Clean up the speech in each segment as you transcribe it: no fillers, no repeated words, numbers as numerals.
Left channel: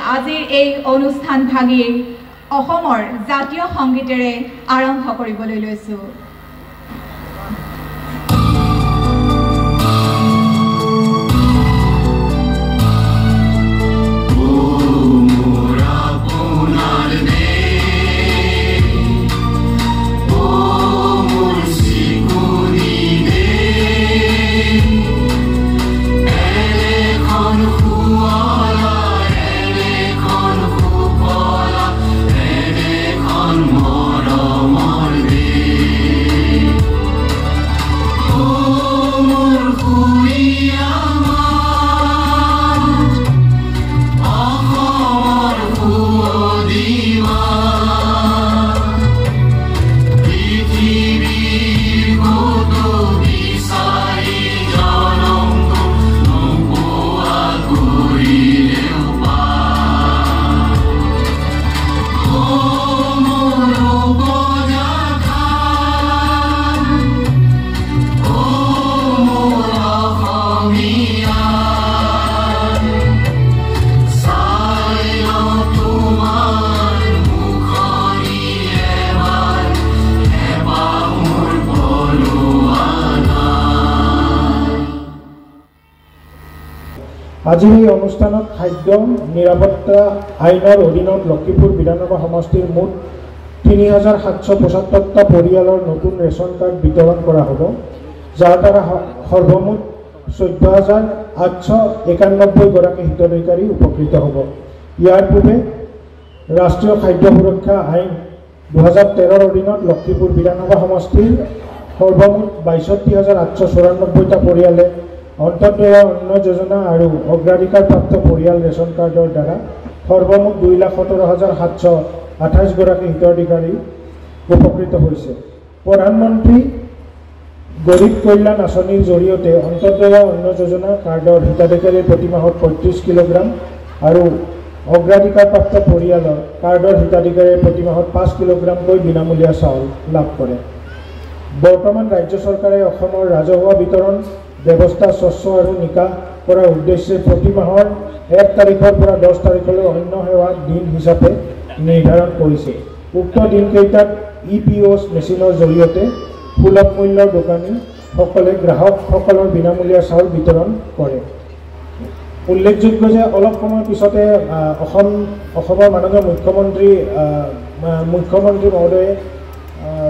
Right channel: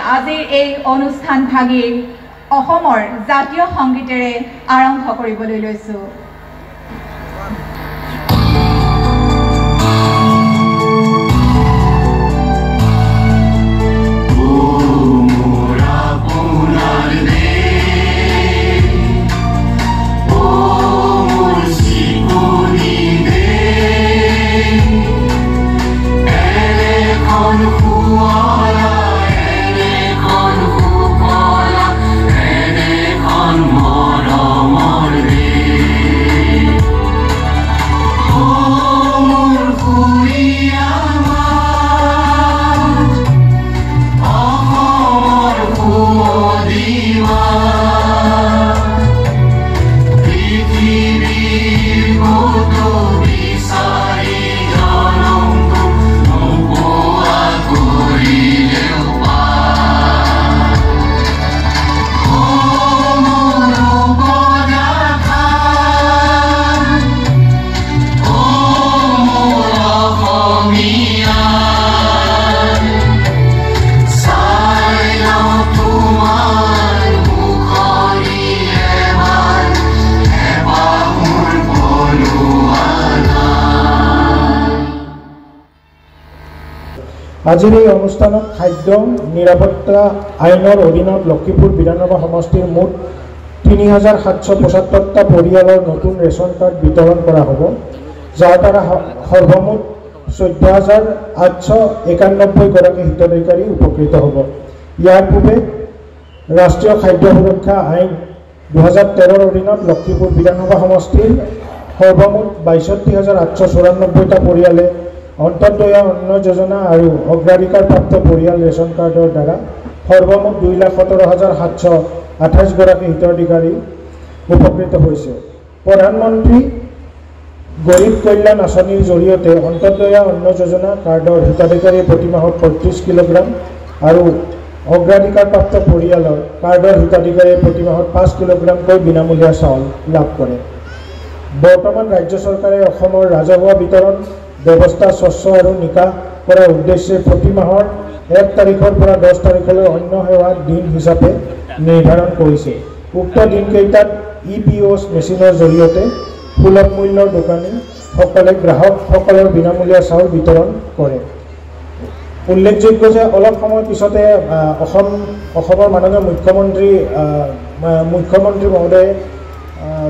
আজিৰ এই অনুষ্ঠান ভাগি অসমৰ জাতীয় সংগীতেৰে আৰম্ভ কৰিবলৈ লৈছোঁ। আজিৰ এই অনুষ্ঠানত খাদ্য নিৰাপত্তা আইনৰ অধীনত লক্ষীপুৰ বিধানসভা সমষ্টিৰ মুঠ ৩,৭৭৫টা পৰিয়ালৰ নতুন ৰেচন কাৰ্ড বিতৰণ কৰা হ'ব, যাৰ দ্বাৰা সৰ্বমুঠ ১৪,৮৯১ গৰাকী হিতাধিকাৰী উপকৃত হ'ব। ইয়াৰ পূৰ্বে ৰাষ্ট্ৰীয় খাদ্য সুৰক্ষা আইন ২০১৩ৰ অধীনত লক্ষীপুৰ বিধানসভা সমষ্টিৰ সৰ্বমুঠ ৬২,৮৯৪টা পৰিয়ালে অন্তৰ্দয়া অন্ন যোজনা আৰু অগ্ৰাধিকাৰপ্ৰাপ্ত পৰিয়াল ৰেচন কাৰ্ডৰ দ্বাৰা সৰ্বমুঠ ২,১৭,৭২৮ গৰাকী হিতাধিকাৰী উপকৃত হৈছে। প্ৰধানমন্ত্ৰী গৰীব কল্যাণ আঁচনিৰ জৰিয়তে অন্তৰ্দয়া অন্ন যোজনা কাৰ্ডৰ হিতাধিকাৰীয়ে প্ৰতি মাহত ৩৫ কিলোগ্ৰাম আৰু অগ্ৰাধিকাৰপ্ৰাপ্ত পৰিয়ালৰ কাৰ্ডৰ হিতাধিকাৰীয়ে প্ৰতি মাহত ৫ কিলোগ্ৰামকৈ বিনামূলীয়া চাউল লাভ কৰে। বৰ্তমান ৰাজ্য চৰকাৰে অসমৰ ৰাজহুৱা বিতৰণ ব্যৱস্থা স্বচ্ছ আৰু নিকা কৰাৰ উদ্দেশ্যে প্ৰতি মাহৰ ১ তাৰিখৰ পৰা ১০ তাৰিখলৈ অন্য সেৱা দিন হিচাপে নিৰ্ধাৰণ কৰিছে। উক্ত দিনকেইটাত EPOS মেচিনৰ জৰিয়তে সুলভ মূল্যৰ দোকানীসকলে গ্ৰাহকসকলৰ বিনামূলীয়া চাউল বিতৰণ কৰে। উল্লেখযোগ্য যে অলপ সময় পিছতে অসমৰ মাননীয় মুখ্যমন্ত্ৰী মহোদয়ে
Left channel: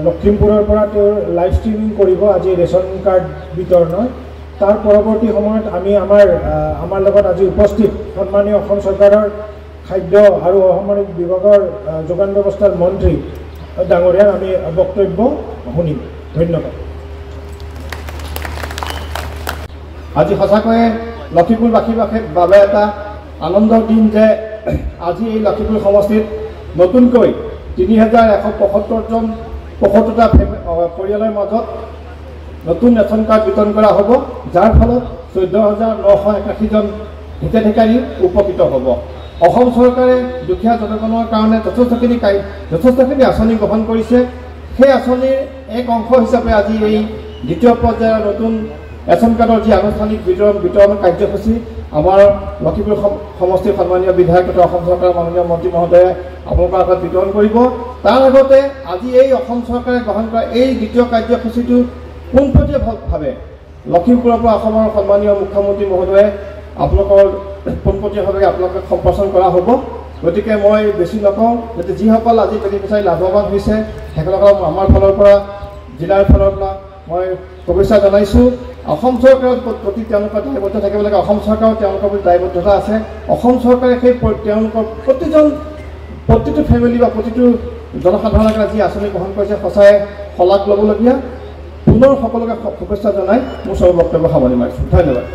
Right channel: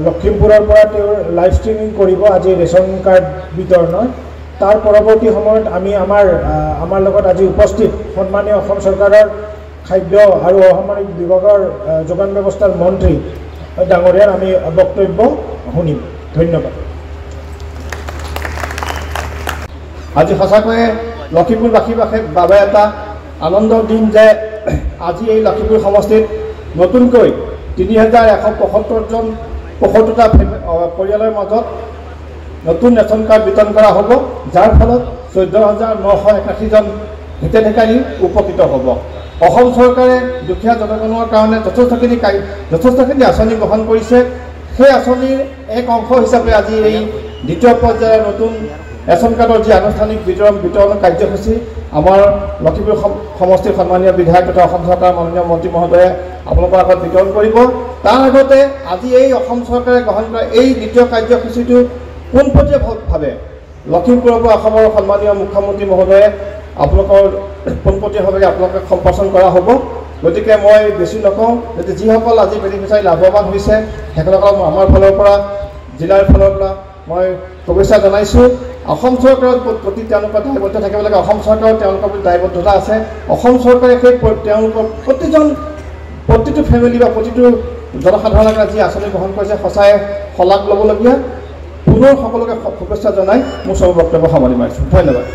লখিমপুৰৰ পৰা তেওঁৰ লাইভ ষ্ট্ৰিমিং কৰিব আজি ৰেচন কাৰ্ড বিতৰণৰ। তাৰ পৰৱৰ্তী সময়ত আমি আমাৰ লগত আজি উপস্থিত সন্মানীয় অসম চৰকাৰৰ খাদ্য আৰু অসামৰিক বিভাগৰ যোগান ব্যৱস্থাৰ মন্ত্ৰী ডাঙৰীয়াৰ আমি বক্তব্য শুনিম। ধন্যবাদ। আজি সঁচাকৈয়ে লখিমপুৰবাসীৰ বাবে এটা আনন্দৰ দিন যে আজি এই লখিমপুৰ সমষ্টিত নতুনকৈ ৩,১৭৫টা পৰিয়ালৰ মাজত নতুন ৰেচন কাৰ্ড বিতৰণ কৰা হ'ব, যাৰ ফলত ১৪,৯৮১জন হিতাধিকাৰী উপকৃত হ'ব। অসম চৰকাৰে দুখীয়া জনগণৰ কাৰণে যথেষ্টখিনি আঁচনি গ্ৰহণ কৰিছে। সেই আঁচনিৰ এক অংশ হিচাপে আজি এই দ্বিতীয় পৰ্যায়ৰ নতুন ৰেচন কাৰ্ডৰ যি আনুষ্ঠানিক বিতৰণ কাৰ্যসূচী আমাৰ লখিমপুৰ সমষ্টিৰ সন্মানীয় বিধায়ক তথা অসম চৰকাৰৰ মাননীয় মন্ত্ৰী মহোদয়ে আপোনালোকৰ আগত বিতৰণ কৰিব। তাৰ আগতে আজি এই অসম চৰকাৰে গ্ৰহণ কৰা এই দ্বিতীয় কাৰ্যসূচীটো পোনপটীয়াভাৱে লখিমপুৰৰ পৰা অসমৰ সন্মানীয় মুখ্যমন্ত্ৰী মহোদয়ে আপোনালোকৰ পোনপটীয়াভাৱে আপোনালোকক সম্প্ৰচাৰ কৰা হ'ব। গতিকে মই বেছি নকওঁ, যাতে যিসকল আজি বেনিফিচিয়াৰী লাভৱান হৈছে সেইসকলক আমাৰ ফালৰ পৰা জিলাৰ ফালৰ পৰা মই শুভেচ্ছা জনাইছোঁ। অসম চৰকাৰৰ প্ৰতি তেওঁলোকৰ দায়বদ্ধ থাকিব লাগে। অসম চৰকাৰৰ তেওঁলোকৰ প্ৰতি দায়বদ্ধতা আছে। অসম চৰকাৰে সেই তেওঁলোকৰ প্ৰতিটো ফেমিলি বা প্ৰতিটো জনসাধাৰণৰ কাৰণে যি আঁচনি গ্ৰহণ কৰিছে সঁচাই শলাগ ল'বলগীয়া। পুনৰ সকলোকে শুভেচ্ছা জনাই মোৰ চব বক্তব্য সামৰণি মাৰিছোঁ। ধন্যবাদ।